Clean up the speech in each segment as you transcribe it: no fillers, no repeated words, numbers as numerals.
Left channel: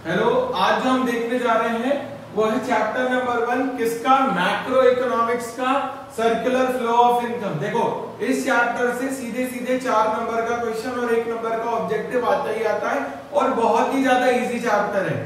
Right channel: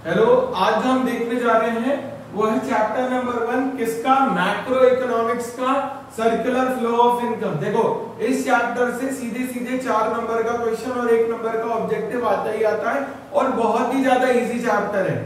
Hello, आज जो हम देखने जा रहे हैं वो है चैप्टर नंबर 1 किसका, मैक्रो इकोनॉमिक्स का, सर्कुलर फ्लो ऑफ इनकम। देखो इस चैप्टर से सीधे सीधे 4 नंबर का क्वेश्चन और 1 नंबर का ऑब्जेक्टिव आता ही आता है और बहुत ही ज्यादा इजी चैप्टर है।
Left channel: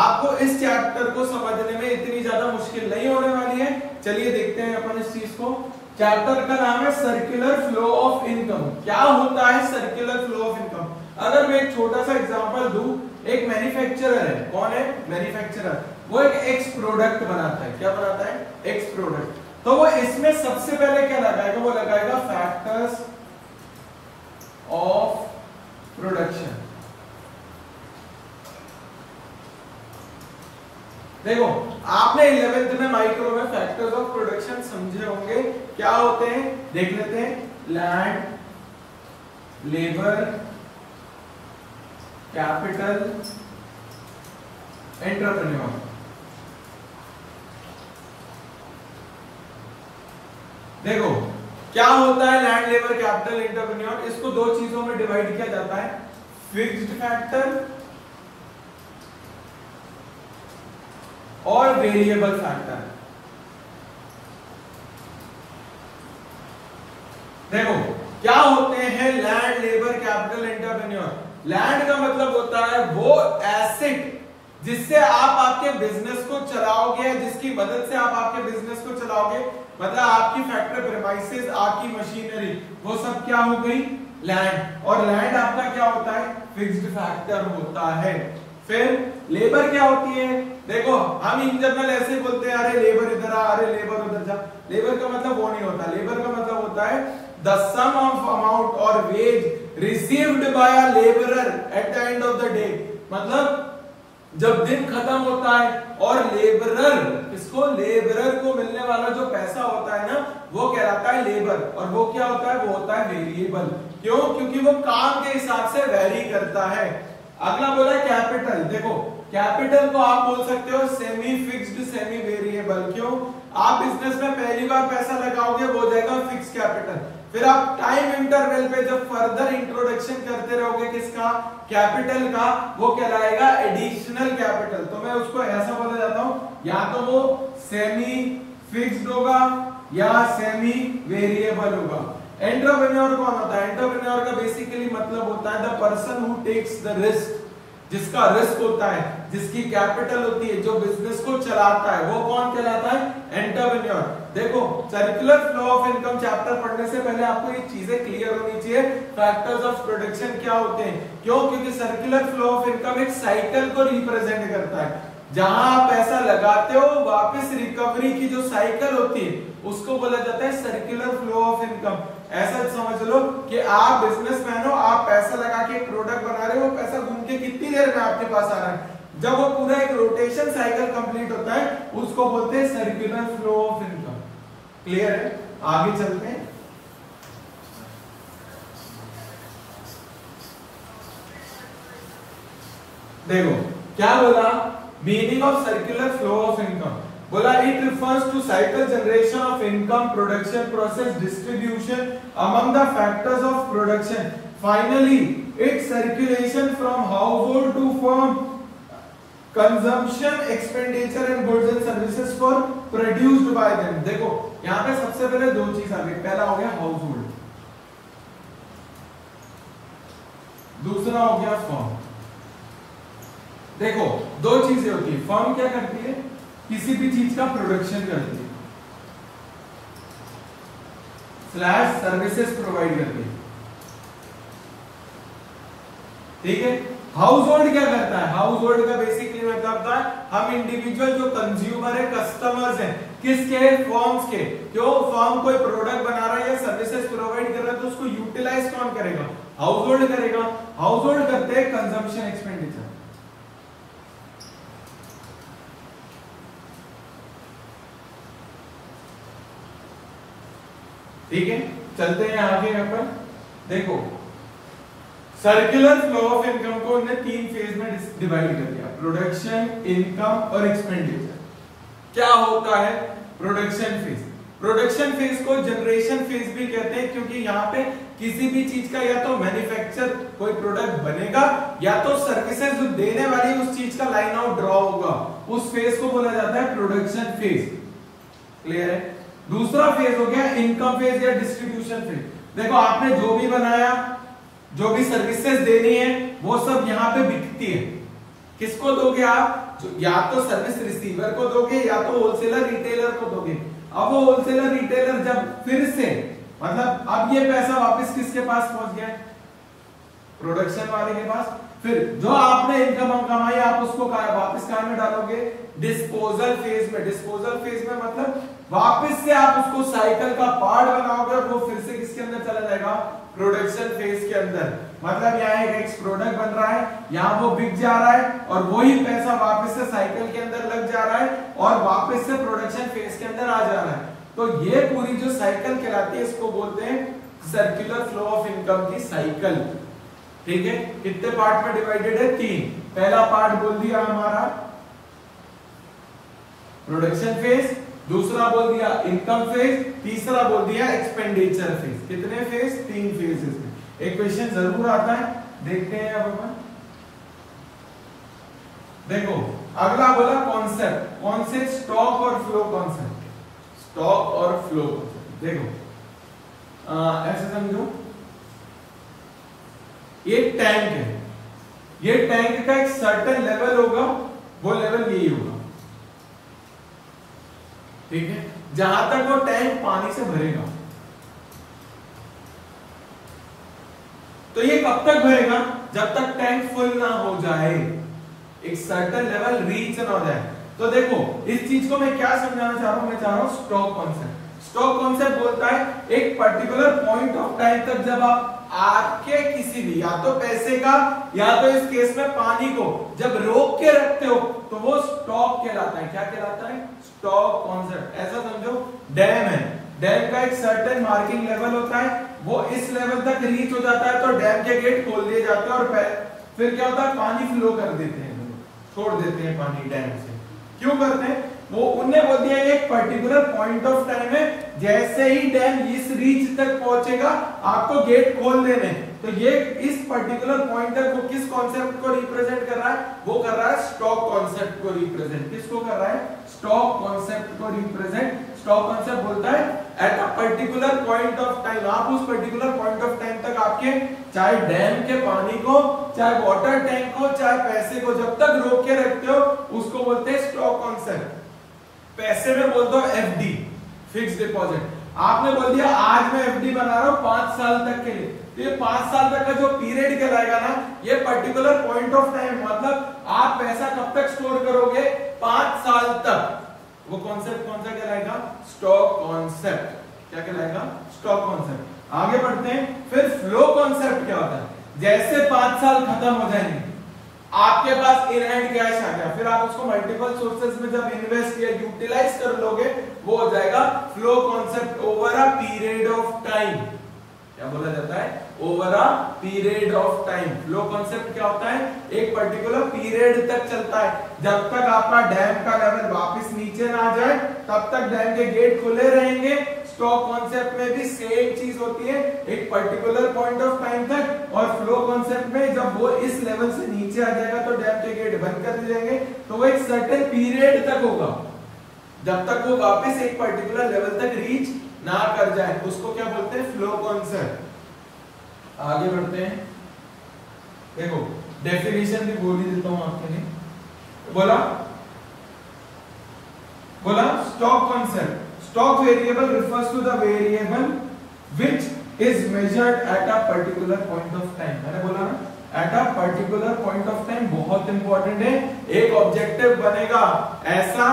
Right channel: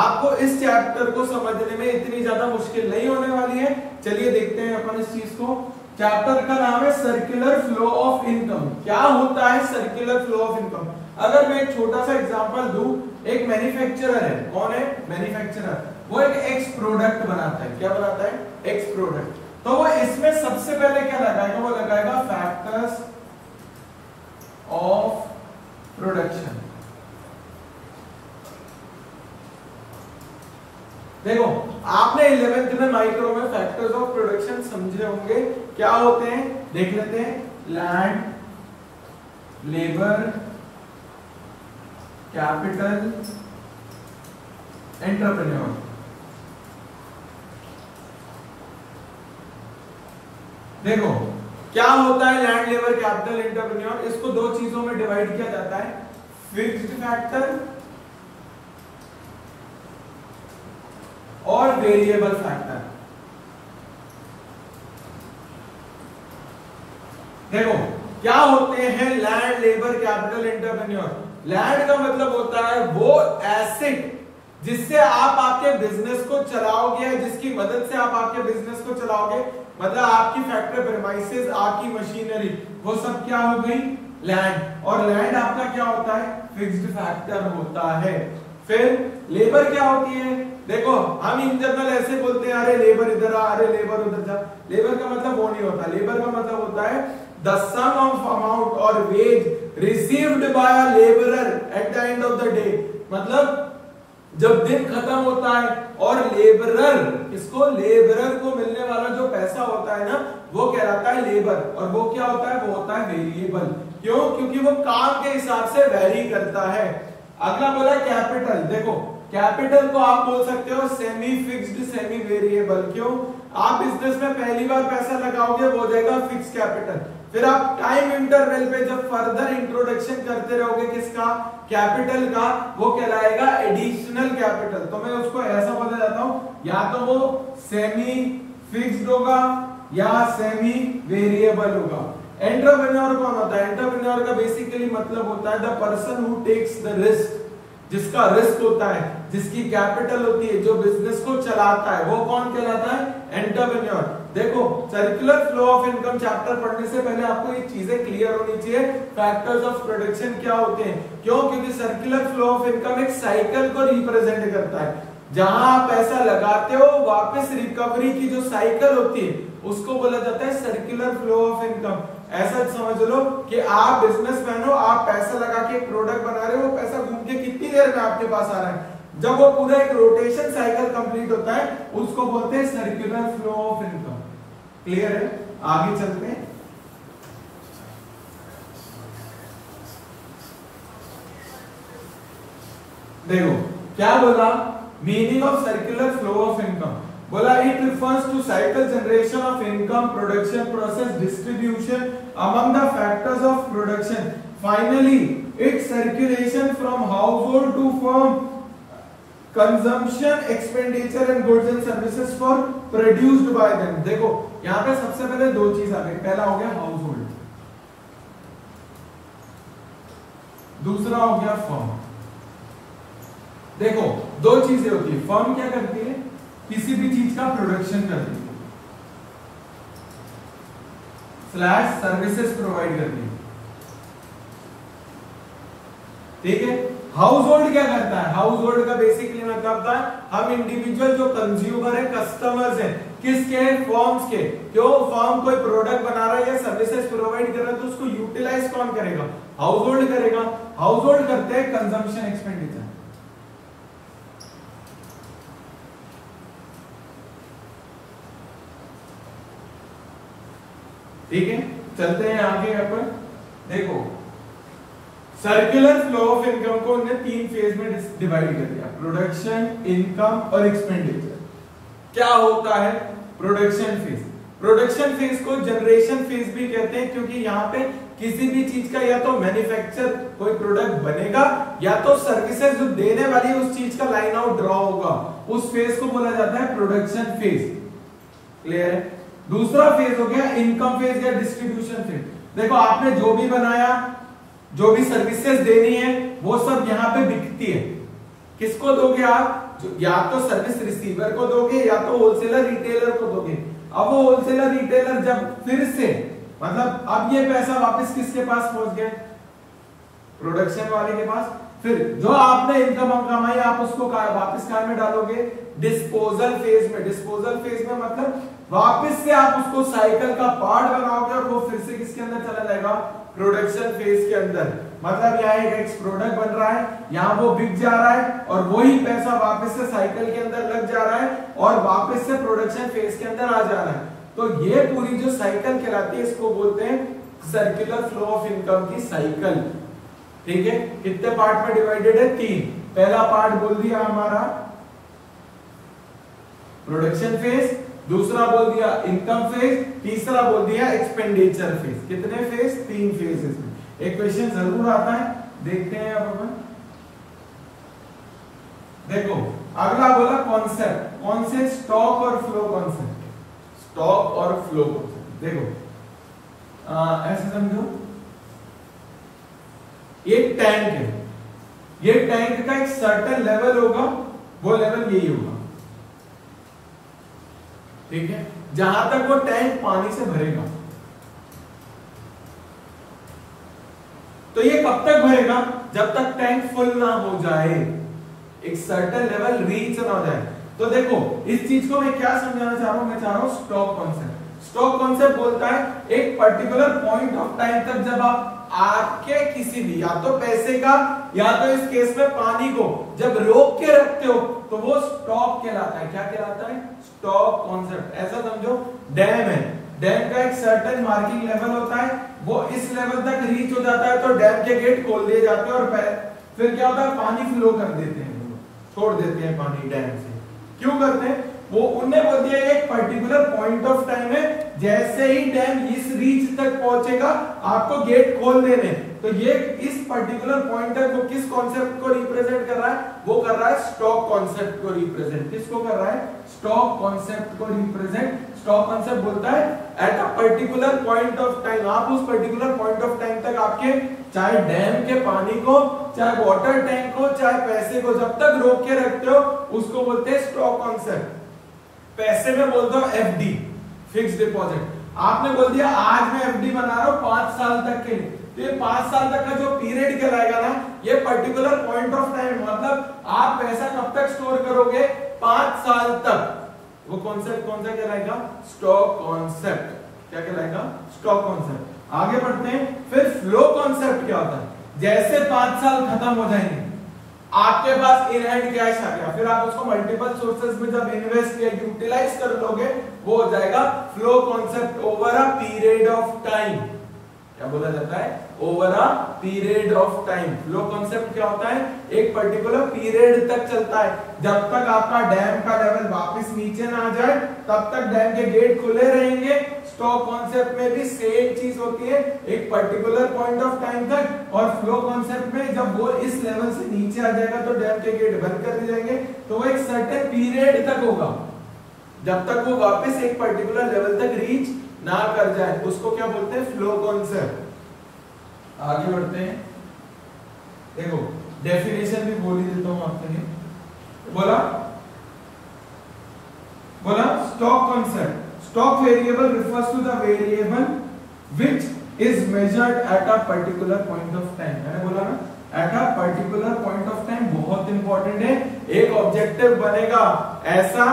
आपको इस चैप्टर को समझने में इतनी ज्यादा मुश्किल नहीं होने वाली है। चलिए देखते हैं अपन इस चीज को। चैप्टर का नाम है सर्कुलर फ्लो ऑफ इनकम। क्या होता है सर्कुलर फ्लो ऑफ इनकम? अगर मैं एक छोटा सा एग्जांपल दूं, एक मैन्युफैक्चरर है। कौन है? मैन्युफैक्चरर। वो एक एक्स प्रोडक्ट बनाता है। क्या बनाता है? X product. तो वो इसमें सबसे पहले क्या लगाएगा? वो लगाएगा फैक्टर्स ऑफ प्रोडक्शन। देखो आपने 11th में माइक्रो में फैक्टर्स ऑफ प्रोडक्शन समझे होंगे। क्या होते हैं देख लेते हैं। Land, labour, capital, entrepreneur. देखो क्या होता है लैंड, लेबर, कैपिटल, एंटरप्रेन्योर? इसको दो चीजों में डिवाइड किया जाता है, फिक्स्ड फैक्टर और वेरिएबल फैक्टर। देखो क्या होते हैं land, labour, capital, entrepreneur? Land का मतलब होता है वो एसेट जिससे आप आपके बिजनेस को चलाओगे, जिसकी मदद से आप आपके बिजनेस को चलाओगे। मतलब आपकी फैक्ट्री प्रेमाइसेस, आपकी मशीनरी, वो सब क्या हो गई? लैंड। और लैंड आपका क्या होता है? फिक्स्ड फैक्टर होता है। फिर लेबर क्या होती है? देखो हम इन जनरल ऐसे बोलते हैं, अरे लेबर इधर आ, अरे लेबर उधर जा। लेबर का मतलब वो नहीं होता। लेबर का मतलब होता है द सम ऑफ अमाउंट और wage received by a labourer at the end of the day. मतलब जब दिन खत्म होता है और लेबरर, किसको? लेबरर को मिलने वाला जो पैसा होता है ना, वो कहलाता है लेबर। और वो क्या होता है? वो होता है वेरिएबल। क्यों? क्योंकि वो काम के हिसाब से वैरी करता है। अगला बोला कैपिटल। देखो कैपिटल को आप बोल सकते हो सेमी फिक्स्ड, सेमी वेरिएबल। क्यों? आप बिजनेस में पहली बार पैसा लगाओगे वो हो जाएगा फिक्स कैपिटल। फिर आप टाइम इंटरवल पे जब फर्दर इंट्रोडक्शन करते रहोगे किसका? कैपिटल का, वो कहलाएगा एडिशनल कैपिटल। तो मैं उसको ऐसा बता जाता हूं, या तो वो सेमी फिक्स्ड होगा या सेमी वेरिएबल होगा। एंटरप्रेन्योर कौन होता है? एंटरप्रेन्योर का बेसिकली मतलब होता है the person who takes the risk, जिसका रिस्क होता है, जिसकी कैपिटल होती है, जो बिजनेस को चलाता है, वो कौन कहलाता है? एंटरप्रेन्योर। देखो circular flow of income chapter पढ़ने से पहले आपको ये चीजें क्लियर होनी चाहिए। फैक्टर्स ऑफ प्रोडक्शन क्या होते हैं? क्यों? क्योंकि सर्कुलर फ्लो ऑफ इनकम एक साइकिल को रिप्रेजेंट करता है। जहां आप पैसा लगाते हो, वापस रिकवरी की जो साइकिल होती है उसको बोला जाता है सर्कुलर फ्लो ऑफ इनकम। ऐसा समझ लो कि आप बिजनेसमैन हो, आप पैसा लगा के एक प्रोडक्ट बना रहे हो, वो पैसा घूम के कितनी देर में आपके पास आ रहा है। जब वो पूरा एक रोटेशन साइकिल कंप्लीट होता है उसको बोलते हैं circular flow of income. Clear है? आगे चलते हैं। देखो क्या बोला meaning of circular flow of income. बोला it refers to cycle generation of income, production process, distribution among the factors of production, finally its circulation from household to firm, consumption, expenditure and goods and services for produced by them. देखो यहां पे सबसे पहले दो चीज आ गई। पहला हो गया हाउसहोल्ड, दूसरा हो गया फर्म। देखो दो चीजें होती है। फर्म क्या करती है? किसी भी चीज का प्रोडक्शन करती है स्लैश सर्विसेज प्रोवाइड करती है। ठीक है? हाउस होल्ड क्या करता है? हाउस होल्ड का बेसिकली मतलब होता है हम इंडिविजुअल जो कंज्यूमर है, कस्टमर्स है, किसके? फर्म्स के। क्यों? फर्म कोई प्रोडक्ट बना रहा है या सर्विसेज प्रोवाइड कर रहा है तो उसको यूटिलाइज कौन करेगा? हाउस होल्ड करेगा। हाउस होल्ड करते हैं कंजम्पशन, एक्सपेंडिचर। ठीक है? चलते हैं आगे अपन। देखो सर्कुलर फ्लो ऑफ इनकम को उन्होंने 3 फेज में डिवाइड कर दिया, प्रोडक्शन, इनकम और एक्सपेंडिचर। क्या होता है प्रोडक्शन फेज? प्रोडक्शन फेज को जनरेशन फेज भी कहते हैं क्योंकि यहाँ पे किसी भी चीज का या तो मैन्युफैक्चर कोई प्रोडक्ट बनेगा या तो सर्विसेज जो देने वाली है उस चीज का लाइन आउट ड्रॉ होगा, उस फेज को बोला जाता है प्रोडक्शन फेज। क्लियर है? दूसरा फेज हो गया इनकम फेज या डिस्ट्रीब्यूशन फेज। देखो आपने जो भी बनाया, जो भी सर्विसेज देनी है वो सब यहाँ पे बिकती है। किसको दोगे आप? या तो सर्विस रिसीवर को दोगे या तो होलसेलर रिटेलर को दोगे। अब वो होलसेलर रिटेलर जब फिर से मतलब अब ये पैसा वापस किसके पास पहुंच गया? प्रोडक्शन वाले के पास। फिर जो आपने इनकम कमाई आप उसको वापस कहां में डालोगे? डिस्पोजल फेज में। डिस्पोजल फेज में मतलब वापस से आप उसको साइकिल का पार्ट बनाओगे और वो फिर से किसके अंदर चला जाएगा? प्रोडक्शन फेज के अंदर। मतलब यहाँ एक प्रोडक्ट बन रहा है, यहाँ वो बिक जा रहा है और वही पैसा वापस से साइकिल के अंदर लग जा रहा है और वापस से प्रोडक्शन फेज के अंदर आ जा रहा है। तो ये पूरी जो साइकिल कहलाती है इसको बोलते हैं सर्कुलर फ्लो ऑफ इनकम की साइकिल। ठीक है? कितने पार्ट में डिवाइडेड है? 3। पहला पार्ट बोल दिया हमारा प्रोडक्शन फेज, दूसरा बोल दिया इनकम फेज, तीसरा बोल दिया एक्सपेंडिचर फेज। कितने फेज? 3 फेजेस में। एक क्वेश्चन जरूर आता है, देखते हैं अब अपन। देखो अगला बोला कॉन्सेप्ट। कौन से? स्टॉक और फ्लो कॉन्सेप्ट। स्टॉक और फ्लो कॉन्सेप्ट। देखो ऐसे समझो, ये टैंक है, ये टैंक का एक सर्टेन लेवल होगा, वो लेवल यही होगा। ठीक है? जहां तक वो टैंक पानी से भरेगा। तो ये कब तक भरेगा? जब तक टैंक फुल ना हो जाए, एक सर्टेन लेवल रीच ना हो जाए। तो देखो इस चीज को मैं क्या समझाना चाह रहा हूं? मैं चाह रहा हूं स्टॉक कॉन्सेप्ट। स्टॉक कॉन्सेप्ट बोलता है एक पर्टिकुलर पॉइंट ऑफ टाइम तक जब आप आपके किसी भी या तो पैसे का या तो इस केस में पानी को जब रोक के रखते हो तो वो स्टॉक कहलाता है। क्या कहलाता है? Stock concept. ऐसा समझो डैम है, डैम का एक सर्टेन मार्किंग लेवल होता है, वो इस लेवल तक रीच हो जाता है तो डैम के गेट खोल दिए जाते हैं और फिर क्या होता है? पानी फ्लो कर देते हैं, छोड़ देते हैं पानी डैम से। क्यों करते हैं? वो उन्हें बोल दिया एक पर्टिकुलर पॉइंट ऑफ टाइम में जैसे ही डैम इस रीच तक पहुंचेगा आपको गेट खोल देने। तो ये इस पर्टिकुलर पॉइंट तक वो किस कॉन्सेप्ट को रिप्रेजेंट कर रहा है? वो कर रहा है स्टॉक कॉन्सेप्ट को रिप्रेजेंट। किसको कर रहा है? स्टॉक कॉन्सेप्ट को रिप्रेजेंट। स्टॉक कॉन्सेप्ट बोलता है at a particular point of time, आप उस पर्टिकुलर पॉइंट ऑफ टाइम तक आपके चाहे डैम के पानी को, चाहे वाटर टैंक को, चाहे पैसे को जब तक रोक के रखते हो उसको बोलते हैं स्टॉक कॉन्सेप्ट। पैसे में बोलते हो एफडी, फिक्स डिपॉजिट। आपने बोल दिया आज मैं एफडी बना रहा हूं 5 साल तक के लिए, तो ये 5 साल तक का जो पीरियड कहलाएगा ना, ये पर्टिकुलर पॉइंट ऑफ टाइम, मतलब आप पैसा कब तक स्टोर करोगे? 5 साल तक। वो कॉन्सेप्ट कौन सा कहलाएगा? Stock concept. क्या कहलाएगा? Stock concept. आगे बढ़ते हैं। फिर फ्लो कॉन्सेप्ट क्या होता है? जैसे 5 साल खत्म हो जाएंगे, आपके पास इन हैंड कैश आ गया, फिर आप उसको मल्टीपल सोर्सेज में जब इन्वेस्ट या यूटिलाइज कर लोगे वो हो जाएगा flow concept over a period of time. क्या बोला जाता है? Over a period of time. Flow concept क्या होता है? एक पर्टिकुलर पीरियड तक चलता है, जब तक आपका डैम का लेवल वापस नीचे ना आ जाए तब तक डैम के गेट खुले रहेंगे। स्टॉक कॉन्सेप्ट में भी सेम चीज होती है, एक पर्टिकुलर पॉइंट ऑफ टाइम तक। और फ्लो कॉन्सेप्ट में जब वो इस लेवल से नीचे आ जाएगा तो डैम के गेट बंद कर दिए जाएंगे, तो वो एक सर्टेन पीरियड तक होगा, जब तक वो वापस एक पर्टिकुलर लेवल तक रीच ना कर जाए। उसको क्या बोलते हैं? Flow concept. आगे बढ़ते हैं। देखो डेफिनेशन भी बोल ही देता हूं आपके लिए। बोला stock concept. Stock variable refers to the variable which is measured at a particular point of time। मैंने बोला ना at a particular point of time बहुत इंपॉर्टेंट है। एक ऑब्जेक्टिव बनेगा ऐसा,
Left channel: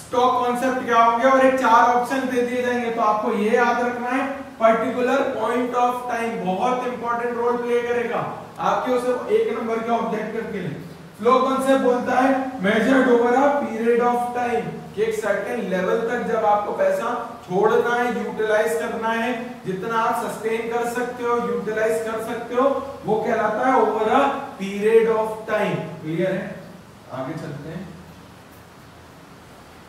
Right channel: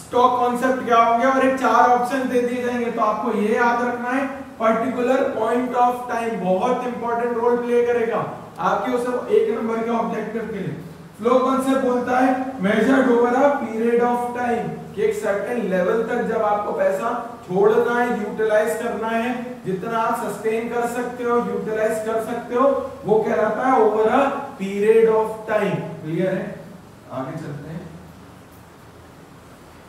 स्टॉक कॉन्सेप्ट क्या होंगे और एक 4 ऑप्शन दे दिए जाएंगे, तो आपको ये याद रखना है पर्टिकुलर पॉइंट ऑफ टाइम बहुत इंपॉर्टेंट रोल प्ले करेगा आपके उस 1 नंबर के ऑब्जेक्टिव के लिए। फ्लो कॉन्सेप्ट बोलता है measured over a period of time, कि एक सर्टेन लेवल तक जब आपको पैसा छोड़ना है, यूटिलाइज करना है, जितना आप सस्टेन कर सकते हो, यूटिलाइज कर सकते हो, वो कहलाता है over a period of time. Clear है? आगे चलते हैं।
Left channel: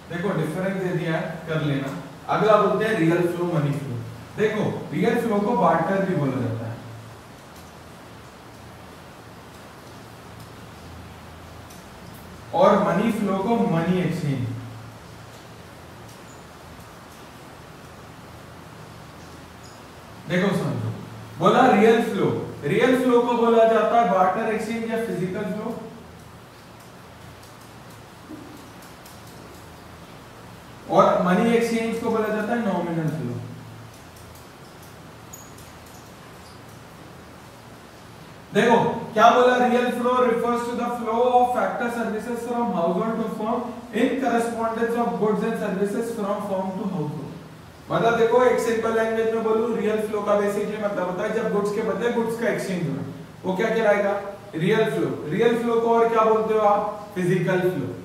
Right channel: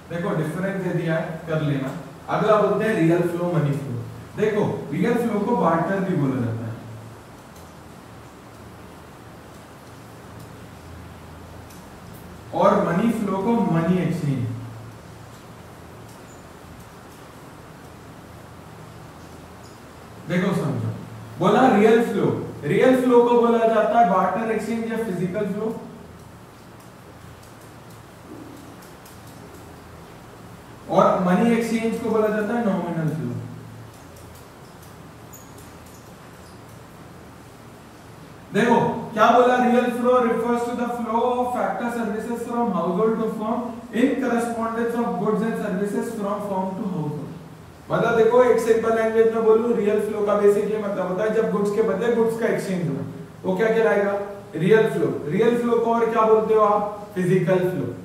देखो डिफरेंस दे दिया है, कर लेना। अगला बोलते हैं रियल फ्लो, मनी फ्लो। देखो रियल फ्लो को बार्टर भी बोला जाता है। और मनी फ्लो को मनी एक्सचेंज। देखो समझो, बोला रियल फ्लो, रियल फ्लो को बोला जाता है बार्टर एक्सचेंज या फिजिकल फ्लो। और मनी एक्सचेंज को बोला जाता है नॉमिनल फ्लो। देखो क्या बोला, real flow refers to the flow of factor services from household to firm in correspondence of goods and services from firm to household. मतलब देखो एक सिंपल लैंग्वेज में बोलूं, रियल फ्लो का बेसिक ये मतलब होता है जब गुड्स के बदले गुड्स का एक्सचेंज हो, वो क्या कहलाएगा, रियल फ्लो। रियल फ्लो को और क्या बोलते हो आप, फिजिकल फ्लो।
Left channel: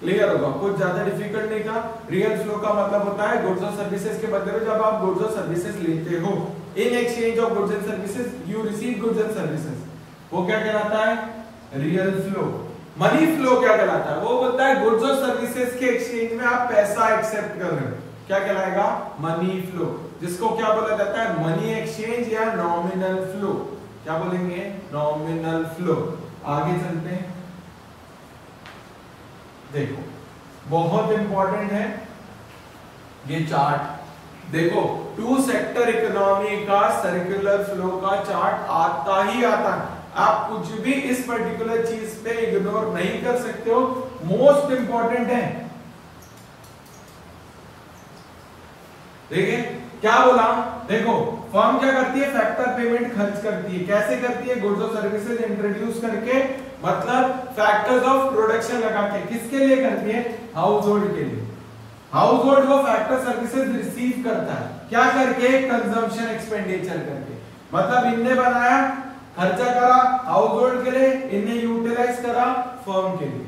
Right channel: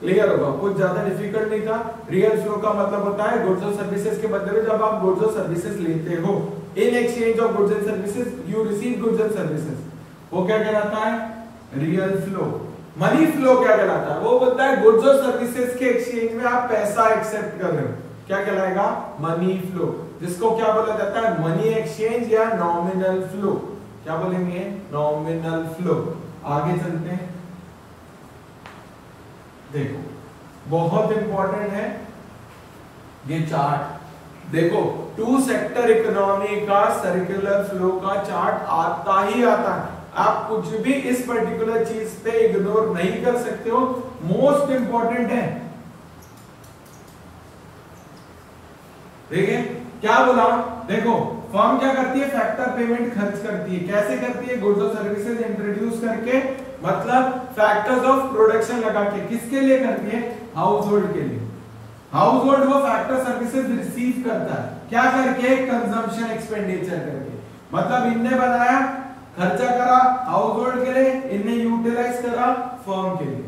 क्लियर होगा, कुछ ज्यादा डिफिकल्ट नहीं था। रियल फ्लो का मतलब होता है गुड्स और सर्विसेज के बदले में जब आप गुड्स और सर्विसेज लेते हो, in exchange of goods and services you receive goods and services, वो क्या कहलाता है, रियल फ्लो। मनी फ्लो क्या कहलाता है, वो बोलता है गुड्स और सर्विसेज के एक्सचेंज में आप पैसा एक्सेप्ट कर रहे हो, क्या कहलाएगा, मनी फ्लो, जिसको क्या बोला जाता है, मनी एक्सचेंज या नॉमिनल फ्लो। क्या बोलेंगे, नॉमिनल फ्लो। आगे चलते हैं, देखो बहुत इंपॉर्टेंट है ये चार्ट। देखो टू सेक्टर इकोनॉमी का सर्कुलर फ्लो का चार्ट आता ही आता है, आप कुछ भी इस पर्टिकुलर चीज पे इग्नोर नहीं कर सकते हो, मोस्ट इंपॉर्टेंट है। देखिए क्या बोला, देखो फर्म क्या करती है, फैक्टर पेमेंट खर्च करती है। कैसे करती है, गुड्स और सर्विसेज इंट्रोड्यूस करके, मतलब फैक्टर्स ऑफ प्रोडक्शन लगा के। किसके लिए करती है, हाउस होल्ड के लिए। हाउस होल्ड वो फैक्टर सर्विसेज रिसीव करता है, क्या करके, कंजम्पशन एक्सपेंडिचर करके। मतलब इनने बनाया, खर्चा करा हाउस होल्ड के लिए, इनने यूटिलाइज करा फर्म के लिए।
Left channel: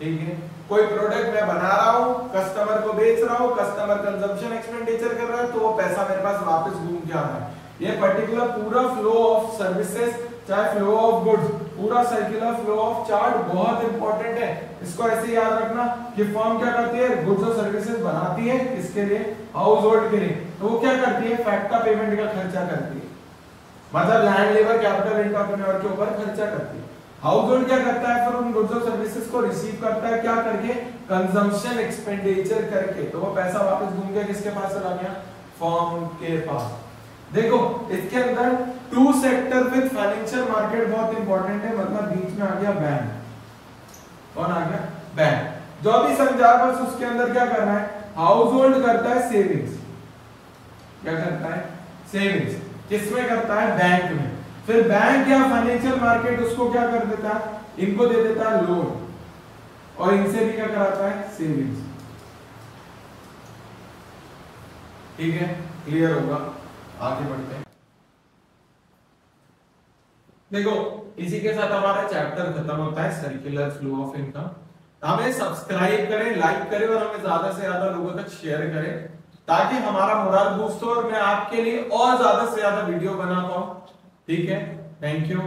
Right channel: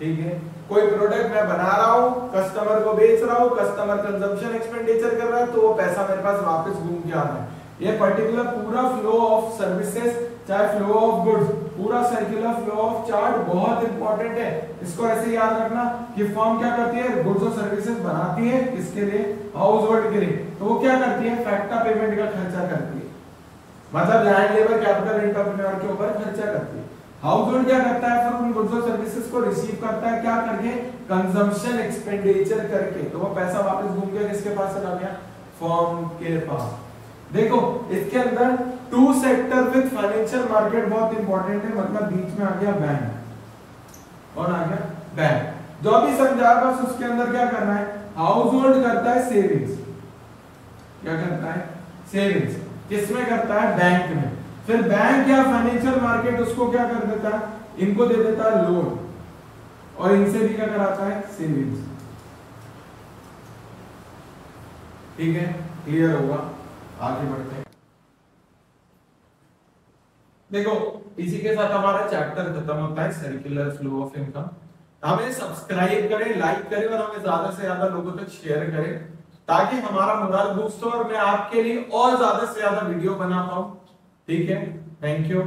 ठीक है, कोई प्रोडक्ट मैं बना रहा हूं, कस्टमर को बेच रहा हूं, कस्टमर कंजम्पशन एक्सपेंडिचर कर रहा है, तो वो पैसा मेरे पास वापस घूम के आता है। ये पर्टिकुलर पूरा फ्लो ऑफ सर्विसेज चाहे फ्लो ऑफ गुड्स, पूरा सर्कुलर फ्लो ऑफ चार्ट बहुत इंपॉर्टेंट है। इसको ऐसे याद रखना कि फर्म क्या करती है, गुड्स और सर्विसेज बनाती है, किसके लिए, हाउस होल्ड के लिए। तो वो क्या करती है, फैक्टर पेमेंट का खर्चा करती है, मतलब लैंड लेबर कैपिटल एंटरप्रेन्योर के ऊपर खर्चा करती है। हाउस होल्ड क्या करता है, फिर उन गुड्स और सर्विसेज को रिसीव करता है, क्या करके, कंजम्पशन एक्सपेंडिचर करके। तो वो पैसा वापस घूम गया, किसके पास चला गया, फर्म के पास। देखो इसके अंदर two sector with financial market बहुत इंपॉर्टेंट है, मतलब बीच में आ गया बैंक। कौन आ गया, बैंक। जो भी समझा बस उसके अंदर क्या करना है, हाउस होल्ड करता है सेविंग्स, क्या करता है, सेविंग्स। किसमें करता है, बैंक में। फिर बैंक या फाइनेंशियल मार्केट उसको क्या कर देता है, इनको दे देता है लोन, और इनसे भी क्या कराता है, सेविंग्स। ठीक है, क्लियर होगा, आगे बढ़ते हैं। देखो इसी के साथ हमारा चैप्टर खत्म होता है, सर्कुलर फ्लो ऑफ इनकम। हमें सब्सक्राइब करें, लाइक करें, और हमें ज्यादा से ज्यादा लोगों तक शेयर करें, ताकि हमारा मोरल बूस्ट हो और मैं आपके लिए और ज्यादा से ज्यादा वीडियो बना पाऊं। ठीक है, थैंक यू।